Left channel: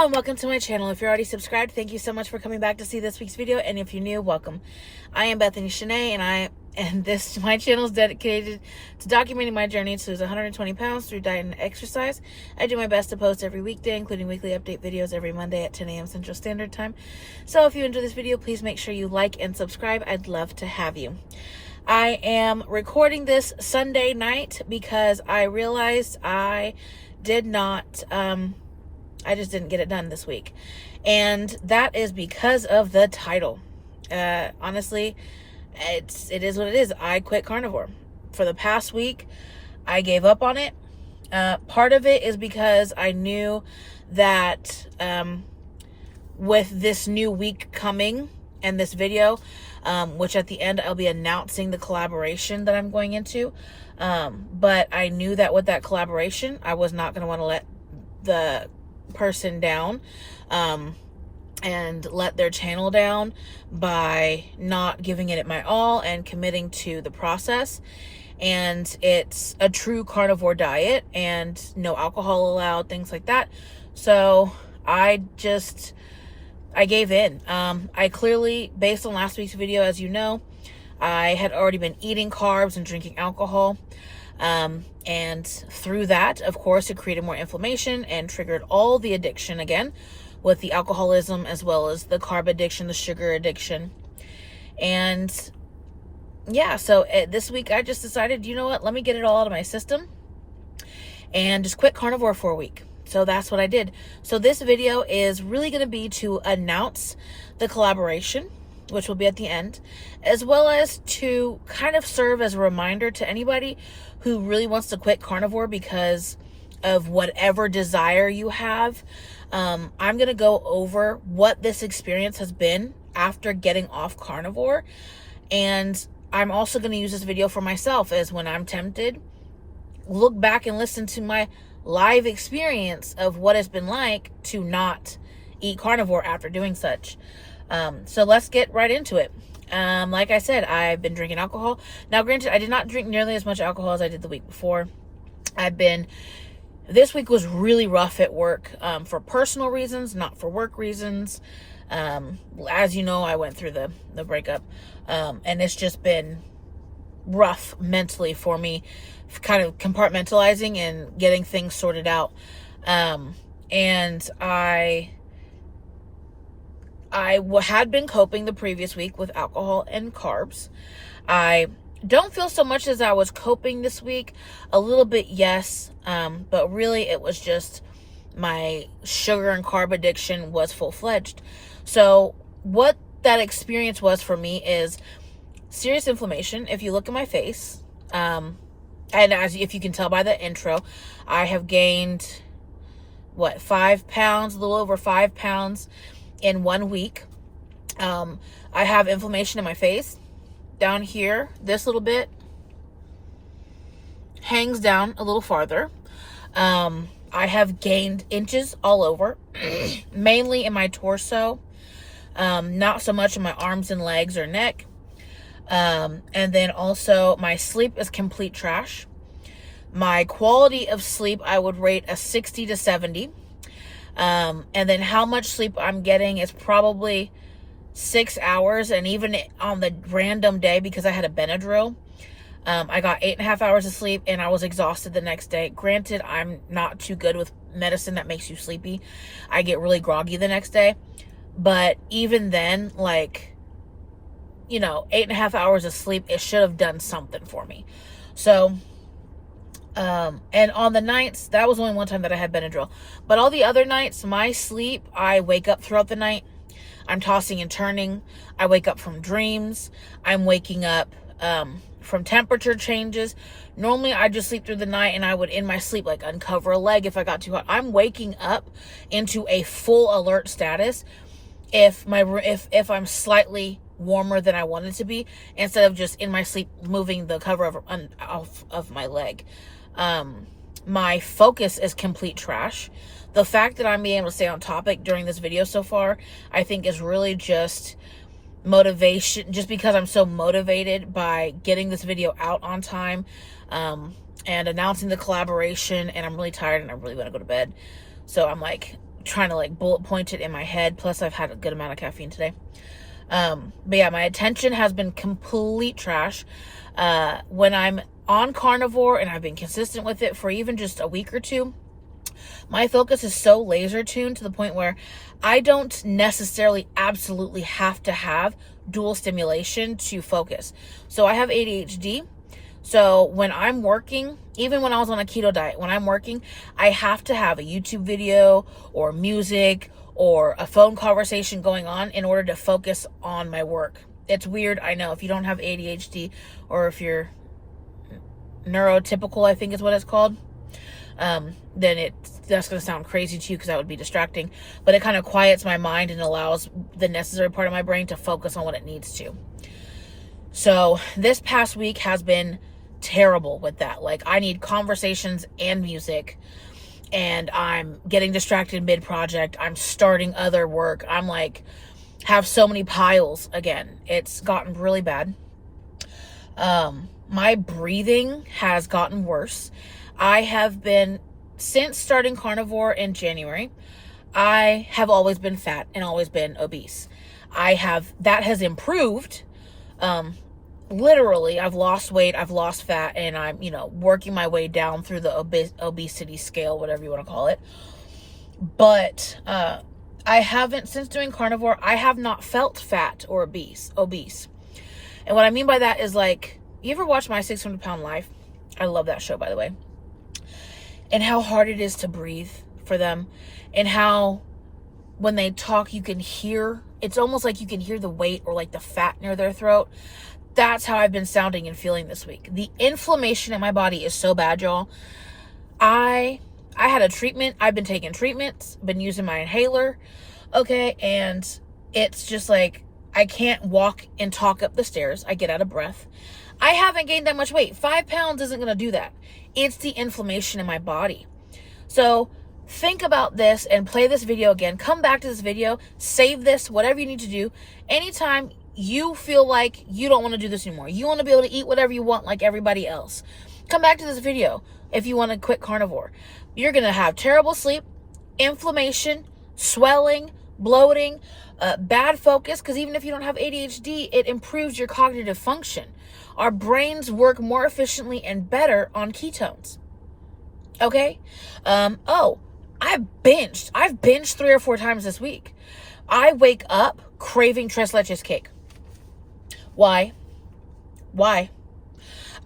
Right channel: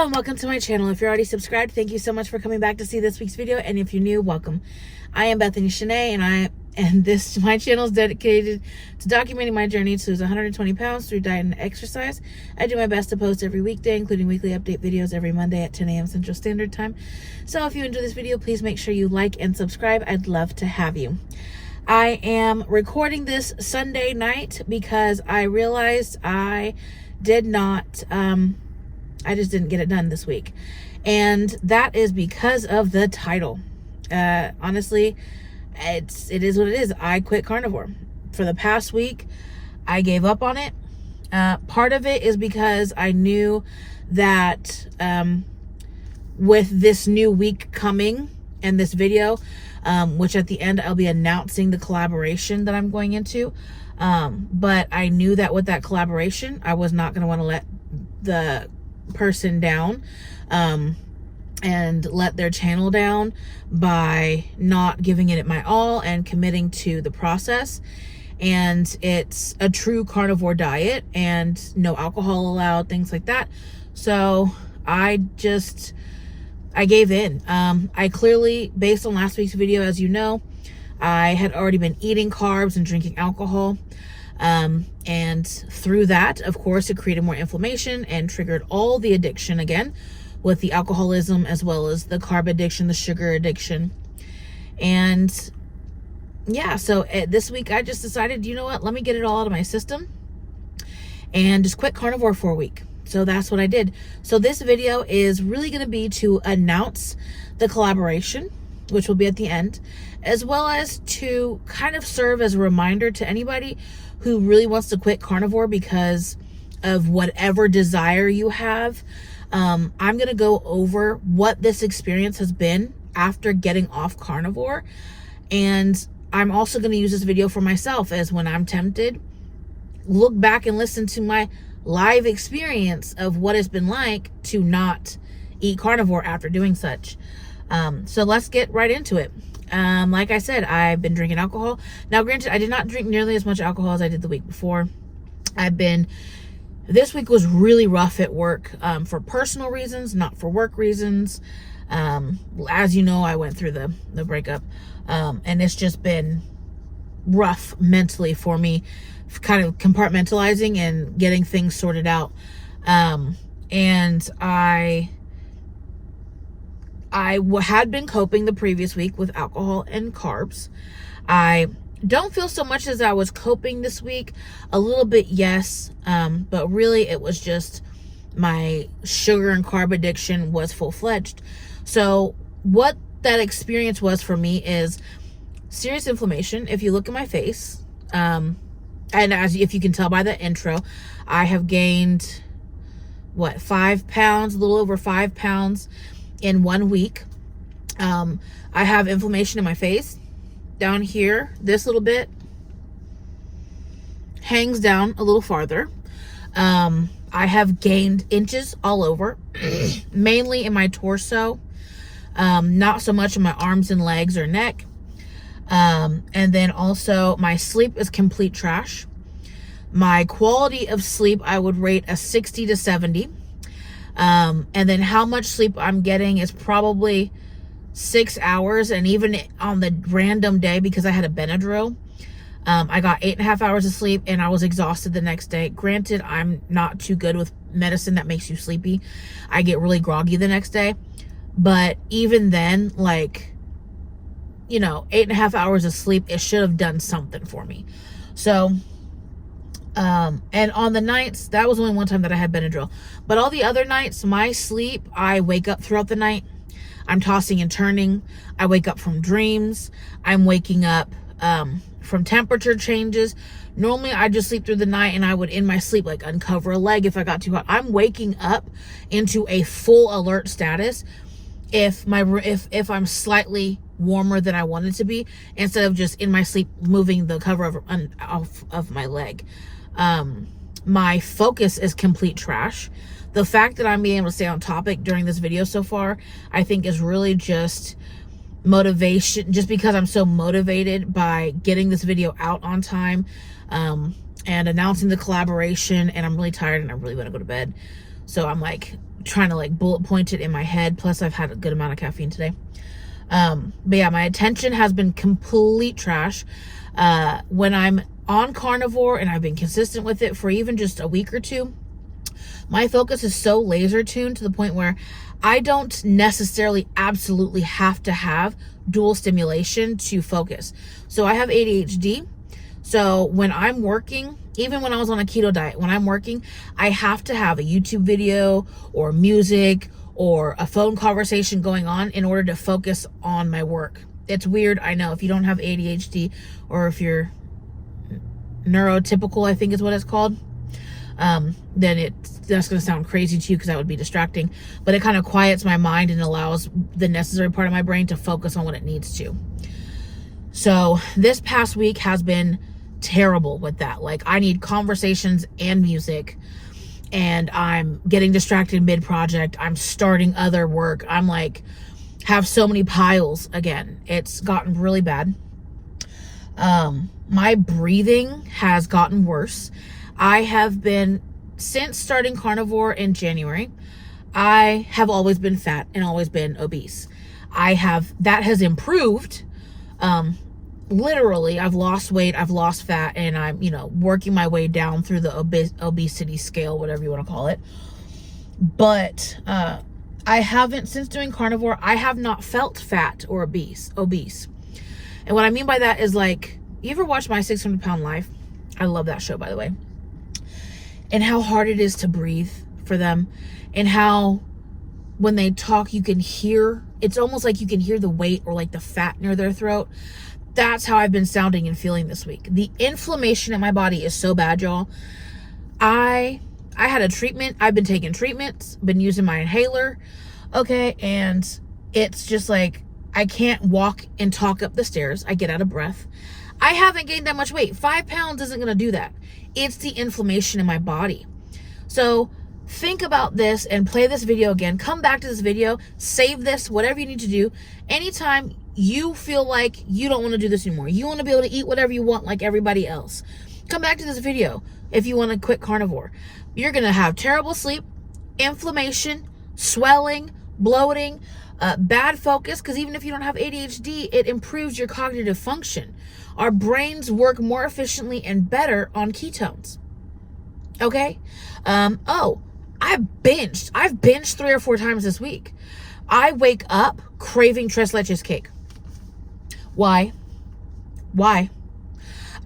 Hello and welcome to my channel. If you're already subscribed, thank you so much for coming back to see this week's video. And if you're new, welcome. I am Bethany Shanae, and my channel is dedicated to documenting my journey to lose 120 pounds through diet and exercise. I do my best to post every weekday, including weekly update videos every Monday at 10 a.m. Central Standard Time. So if you enjoy this video, please make sure you like and subscribe. I'd love to have you. I am recording this Sunday night because I realized I just didn't get it done this week. And that is because of the title. Honestly, it is what it is. I quit carnivore. For the past week, I gave up on it. Part of it is because I knew that with this new week coming and this video, which at the end I'll be announcing the collaboration that I'm going into. But I knew that with that collaboration, I was not going to want to let the person down and let their channel down by not giving it my all and committing to the process. And it's a true carnivore diet and no alcohol allowed, things like that. So I gave in. I clearly, based on last week's video, as you know, I had already been eating carbs and drinking alcohol. And through that, of course, it created more inflammation and triggered all the addiction again with the alcoholism as well as the carb addiction, the sugar addiction. And yeah, so this week I just decided, you know what, let me get it all out of my system and just quit carnivore for a week. So that's what I did. So this video is really going to be to announce the collaboration, which will be at the end, as well as to kind of serve as a reminder to anybody who really wants to quit carnivore because of whatever desire you have. I'm going to go over what this experience has been after getting off carnivore. And I'm also going to use this video for myself, as when I'm tempted, look back and listen to my live experience of what it's been like to not eat carnivore after doing such. So let's get right into it. Like I said, I've been drinking alcohol. Now, granted, I did not drink nearly as much alcohol as I did the week before. This week was really rough at work, for personal reasons, not for work reasons. As you know, I went through the breakup, and it's just been rough mentally for me, kind of compartmentalizing and getting things sorted out. And I had been coping the previous week with alcohol and carbs. I don't feel so much as I was coping this week. A little bit, yes. But really it was just my sugar and carb addiction was full-fledged. So what that experience was for me is serious inflammation. If you look at my face, and if you can tell by the intro, I have gained 5 pounds, a little over 5 pounds in 1 week. I have inflammation in my face down here. This little bit hangs down a little farther. I have gained inches all over, mainly in my torso, not so much in my arms and legs or neck. And then also my sleep is complete trash. My quality of sleep, I would rate a 60 to 70. And then how much sleep I'm getting is probably 6 hours. And even on the random day, because I had a Benadryl, I got 8.5 hours of sleep and I was exhausted the next day. Granted, I'm not too good with medicine that makes you sleepy. I get really groggy the next day. But even then, 8.5 hours of sleep, it should have done something for me. So, and on the nights, that was only one time that I had Benadryl. But all the other nights, my sleep, I wake up throughout the night. I'm tossing and turning. I wake up from dreams. I'm waking up from temperature changes. Normally, I just sleep through the night and I would, in my sleep, uncover a leg if I got too hot. I'm waking up into a full alert status if I'm slightly warmer than I wanted to be, instead of just in my sleep moving the cover off of my leg. My focus is complete trash. The fact that I'm being able to stay on topic during this video so far, I think is really just motivation, just because I'm so motivated by getting this video out on time, and announcing the collaboration, and I'm really tired and I really want to go to bed. So I'm like trying to like bullet point it in my head. Plus I've had a good amount of caffeine today. But yeah, my attention has been complete trash. When I'm on carnivore and I've been consistent with it for even just a week or two, my focus is so laser tuned to the point where I don't necessarily absolutely have to have dual stimulation to focus. So I have ADHD. So when I'm working, even when I was on a keto diet, when I'm working, I have to have a YouTube video or music or a phone conversation going on in order to focus on my work. It's weird, I know. If you don't have ADHD, or if you're neurotypical, I think is what it's called, then that's going to sound crazy to you because that would be distracting. But it kind of quiets my mind and allows the necessary part of my brain to focus on what it needs to. So this past week has been terrible with that. Like, I need conversations and music, and I'm getting distracted mid-project. I'm starting other work. I'm like, have so many piles again. It's gotten really bad. My breathing has gotten worse. I have been, since starting carnivore in January, I have always been fat and always been obese. That has improved. Literally, I've lost weight, I've lost fat, and I'm, working my way down through the obesity scale, whatever you want to call it. But, I haven't, since doing carnivore, I have not felt fat or obese. And what I mean by that is, like, you ever watch My 600 Pound Life? I love that show, by the way. And how hard it is to breathe for them. And how when they talk, you can hear, it's almost like you can hear the weight or like the fat near their throat. That's how I've been sounding and feeling this week. The inflammation in my body is so bad, y'all. I had a treatment. I've been taking treatments, been using my inhaler. Okay. And it's just like, I can't walk and talk up the stairs. I get out of breath. I haven't gained that much weight. 5 pounds isn't going to do that. It's the inflammation in my body. So think about this and play this video again. Come back to this video, save this, whatever you need to do. Anytime you feel like you don't want to do this anymore, you want to be able to eat whatever you want like everybody else, come back to this video if you want to quit carnivore. You're going to have terrible sleep, inflammation, swelling, bloating, bad focus, because even if you don't have ADHD, it improves your cognitive function. Our brains work more efficiently and better on ketones. Okay? I've binged 3 or 4 times this week. I wake up craving tres leches cake. Why?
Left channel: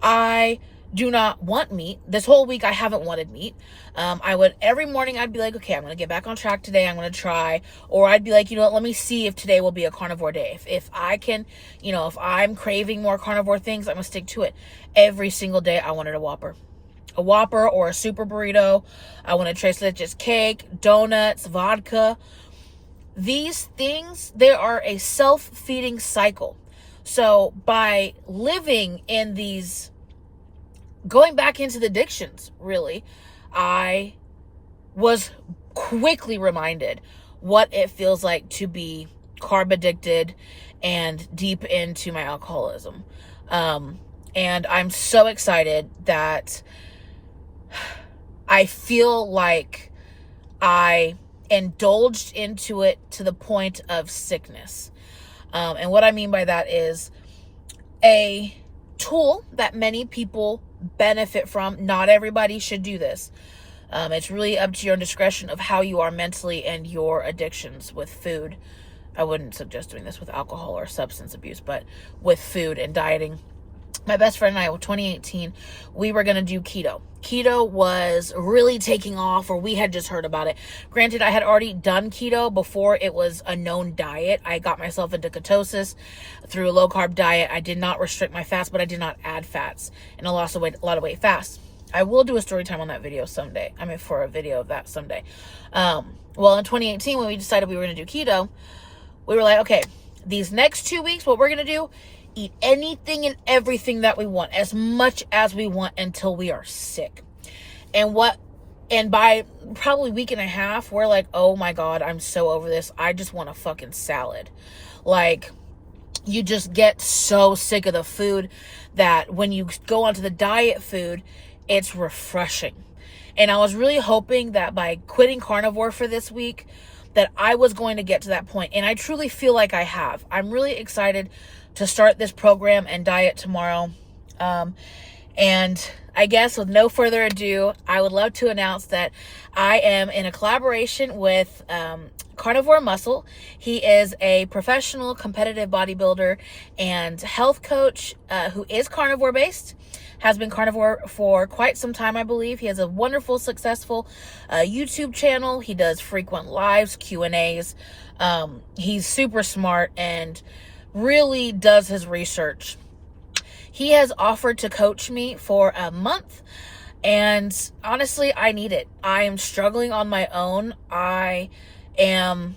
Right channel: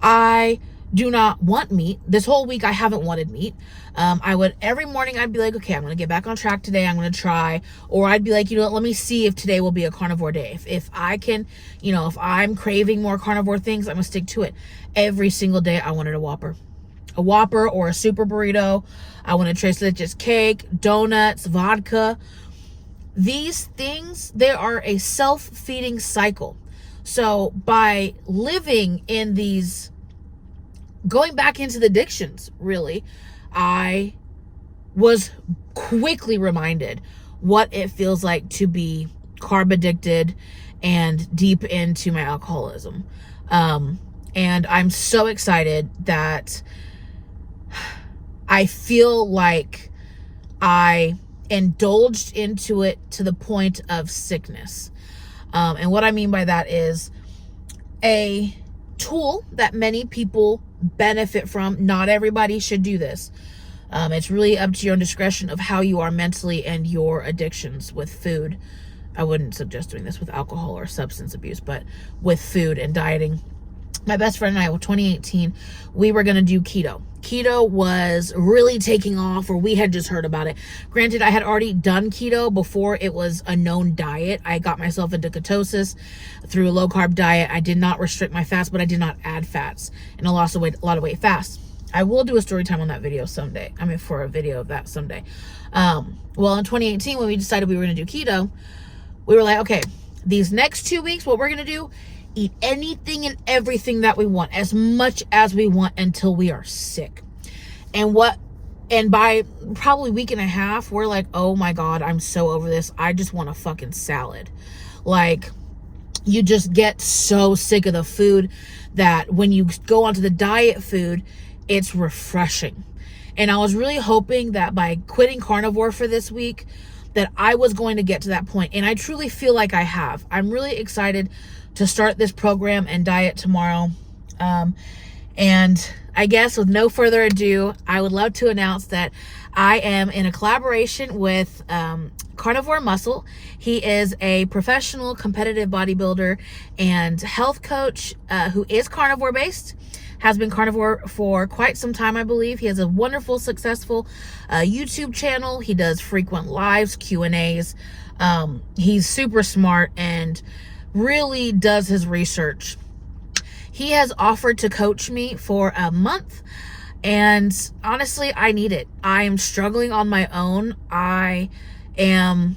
I do not want meat. This whole week I haven't wanted meat. Every morning I'd be like, okay, I'm going to get back on track today. I'm going to try. Or I'd be like, let me see if today will be a carnivore day. If I can, if I'm craving more carnivore things, I'm going to stick to it. Every single day I wanted a Whopper or a super burrito. I wanted tres leches cake, donuts, vodka. These things, they are a self-feeding cycle. So by living in these, going back into the addictions, really, I was quickly reminded what it feels like to be carb addicted and deep into my alcoholism. And I'm so excited that I feel like I indulged into it to the point of sickness. And what I mean by that is a tool that many people benefit from. Not everybody should do this. It's really up to your own discretion of how you are mentally and your addictions with food. I wouldn't suggest doing this with alcohol or substance abuse, but with food and dieting. My best friend and I, in 2018, we were going to do keto. Keto was really taking off, or we had just heard about it. Granted, I had already done keto before it was a known diet. I got myself into ketosis through a low-carb diet. I did not restrict my fats, but I did not add fats, and I lost a lot of weight fast. I will do a story time on that video someday. For a video of that someday. Well, in 2018, when we decided we were going to do keto, we were like, okay, these next 2 weeks, what we're going to do, eat anything and everything that we want, as much as we want, until we are sick. And by probably week and a half, we're like, oh my God, I'm so over this. I just want a fucking salad. Like, you just get so sick of the food that when you go onto the diet food, it's refreshing. And I was really hoping that by quitting carnivore for this week, that I was going to get to that point. And I truly feel like I have. I'm really excited to start this program and diet tomorrow. And I guess with no further ado, I would love to announce that I am in a collaboration with Carnivore Muscle. He is a professional competitive bodybuilder and health coach who is carnivore based, has been carnivore for quite some time, I believe. He has a wonderful, successful YouTube channel. He does frequent lives, Q&As. He's super smart and really does his research. He has offered to coach me for a month, and honestly, I need it. I am struggling on my own. And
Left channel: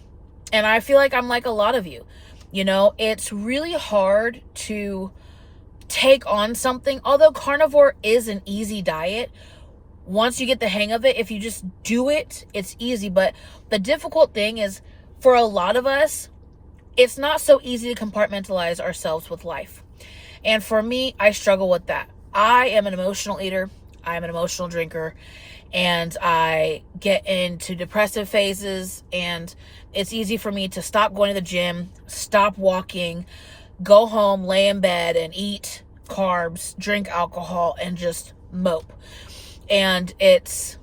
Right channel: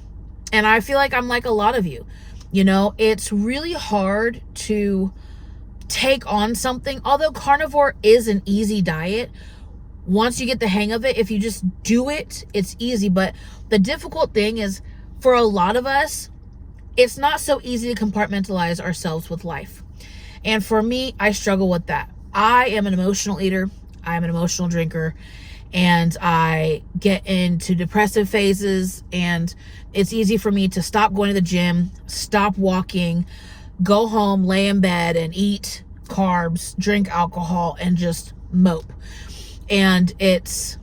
I feel like I'm like a lot of you. You know, it's really hard to take on something. Although carnivore is an easy diet, once you get the hang of it, if you just do it, it's easy. But the difficult thing is, for a lot of us, it's not so easy to compartmentalize ourselves with life. And for me, I struggle with that. I am an emotional eater. I'm an emotional drinker. And I get into depressive phases. And it's easy for me to stop going to the gym, stop walking, go home, lay in bed, and eat carbs, drink alcohol, and just mope. And it's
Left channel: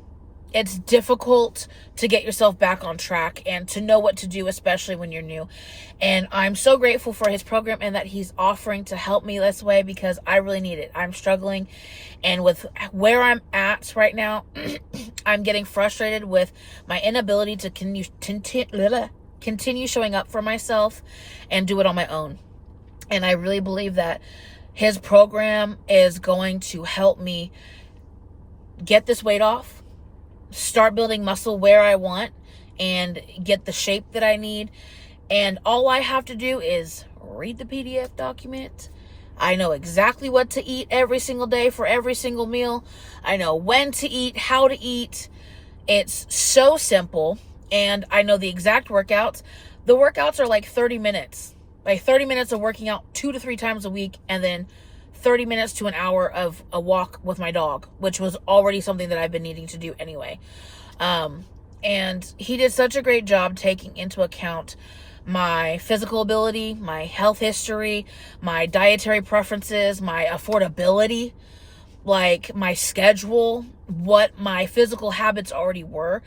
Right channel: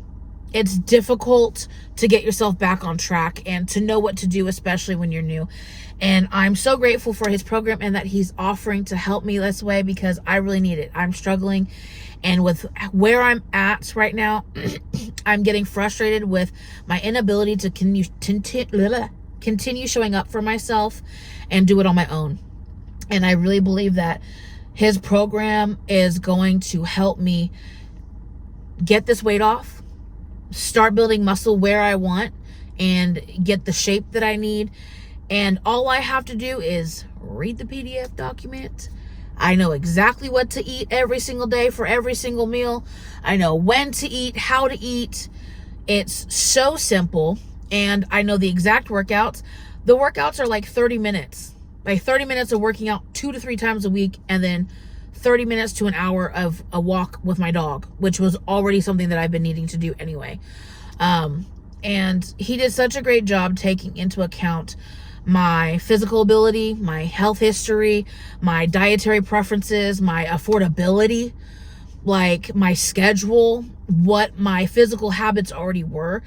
difficult to get yourself back on track and to know what to do, especially when you're new. And I'm so grateful for his program and that he's offering to help me this way, because I really need it. I'm struggling. And with where I'm at right now, I'm getting frustrated with my inability to continue showing up for myself and do it on my own. And I really believe that his program is going to help me get this weight off, start building muscle where I want, and get the shape that I need. And all I have to do is read the PDF document. I know exactly what to eat every single day for every single meal. I know when to eat, how to eat. It's so simple. And I know the exact workouts. The workouts are like 30 minutes. Like 30 minutes of working out 2 to 3 times a week, and then 30 minutes to an hour of a walk with my dog, which was already something that I've been needing to do anyway. And he did such a great job taking into account my physical ability, my health history, my dietary preferences, my affordability, like my schedule, what my physical habits already were.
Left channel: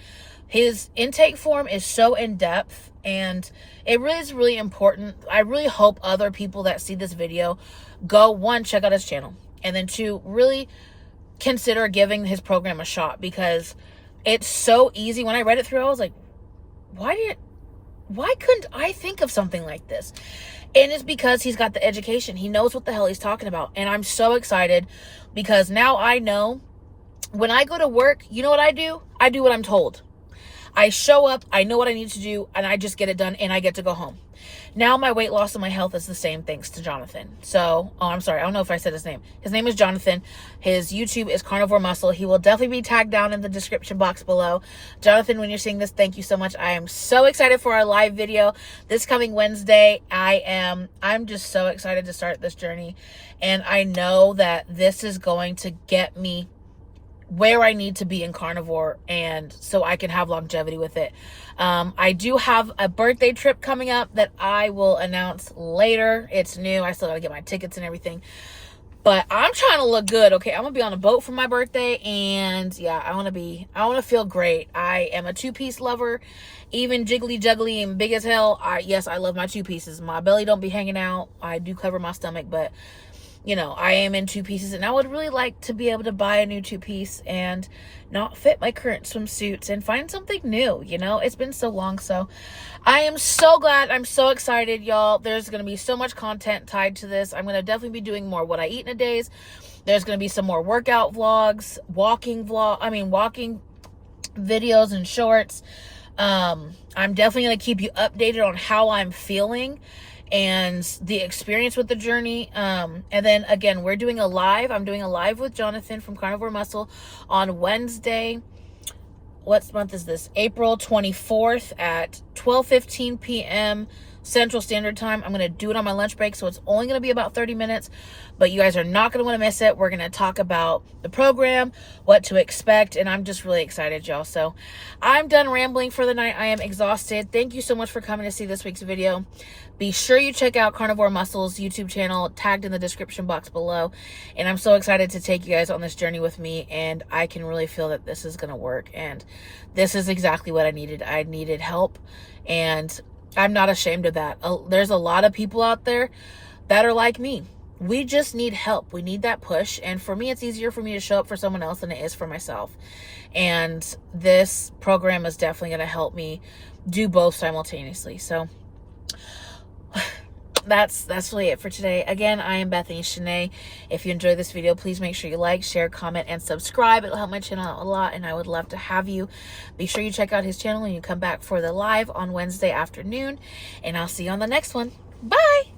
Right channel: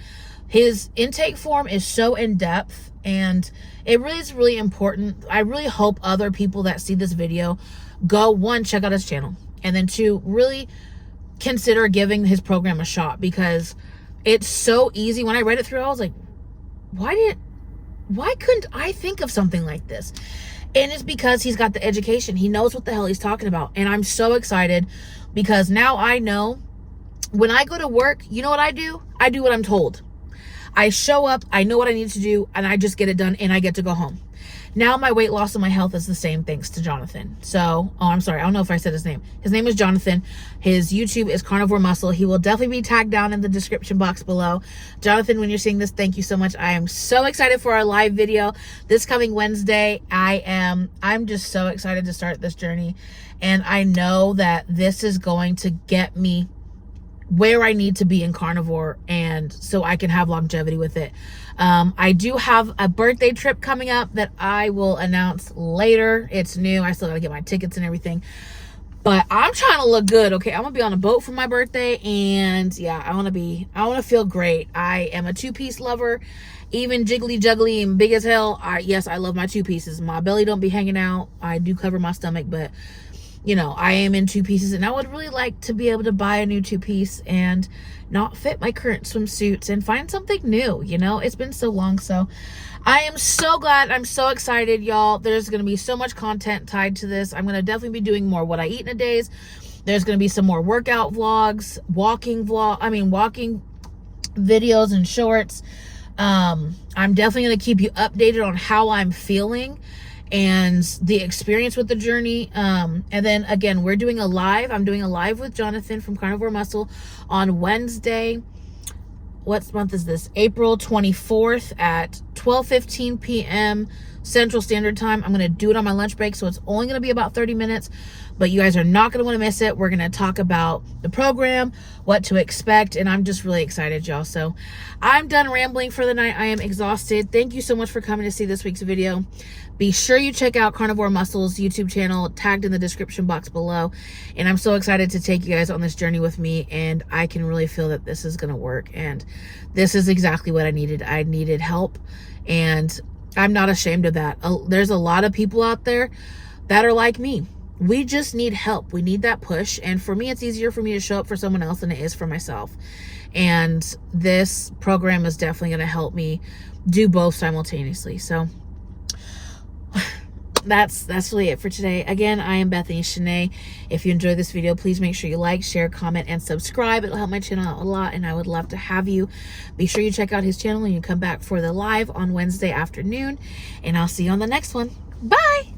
His intake form is so in-depth, and it really is really important. I really hope other people that see this video go, 1, check out his channel, and then 2, really consider giving his program a shot, because it's so easy. When I read it through, I was like, why couldn't I think of something like this? And it's because he's got the education. He knows what the hell he's talking about. And I'm so excited, because now I know when I go to work, you know what I do? I do what I'm told. I show up, I know what I need to do, and I just get it done, and I get to go home. Now my weight loss and my health is the same, thanks to Jonathan. So, I'm sorry, I don't know if I said his name. His name is Jonathan. His YouTube is Carnivore Muscle. He will definitely be tagged down in the description box below. Jonathan, when you're seeing this, thank you so much. I am so excited for our live video this coming Wednesday. I'm just so excited to start this journey. And I know that this is going to get me where I need to be in carnivore, and so I can have longevity with it. I do have a birthday trip coming up that I will announce later. It's new. I still gotta get my tickets and everything, but I'm trying to look good. Okay, I'm gonna be on a boat for my birthday, and yeah, I want to feel great. I am a 2-piece lover, even jiggly juggly and big as hell. Yes, I love my 2 pieces. My belly don't be hanging out. I do cover my stomach, but you know, I am in 2 pieces, and I would really like to be able to buy a new 2-piece and not fit my current swimsuits and find something new. You know, it's been so long. So I am so glad. I'm so excited, y'all. There's going to be so much content tied to this. I'm going to definitely be doing more what I eat in a days. There's going to be some more workout vlogs, walking videos and shorts. I'm definitely going to keep you updated on how I'm feeling and the experience with the journey. And then again, we're doing a live. I'm doing a live with Jonathan from Carnivore Muscle on Wednesday. What month is this? April 24th at 12:15 p.m. Central Standard Time. I'm going to do it on my lunch break, so it's only going to be about 30 minutes, but you guys are not going to want to miss it. We're going to talk about the program, what to expect, and I'm just really excited, y'all. So I'm done rambling for the night. I am exhausted. Thank you so much for coming to see this week's video. Be sure you check out Carnivore Muscles YouTube channel, tagged in the description box below. And I'm so excited to take you guys on this journey with me, and I can really feel that this is going to work, and this is exactly what I needed. I needed help, and I'm not ashamed of that. There's a lot of people out there that are like me. We just need help. We need that push. And for me, it's easier for me to show up for someone else than it is for myself. And this program is definitely going to help me do both simultaneously. So that's really it for today. Again, I am Bethany Shanae. If you enjoyed this video, please make sure you like, share, comment, and subscribe. It'll help my channel out a lot, and I would love to have you. Be sure you check out his channel and you come back for the live on Wednesday afternoon, and I'll see you on the next one. Bye!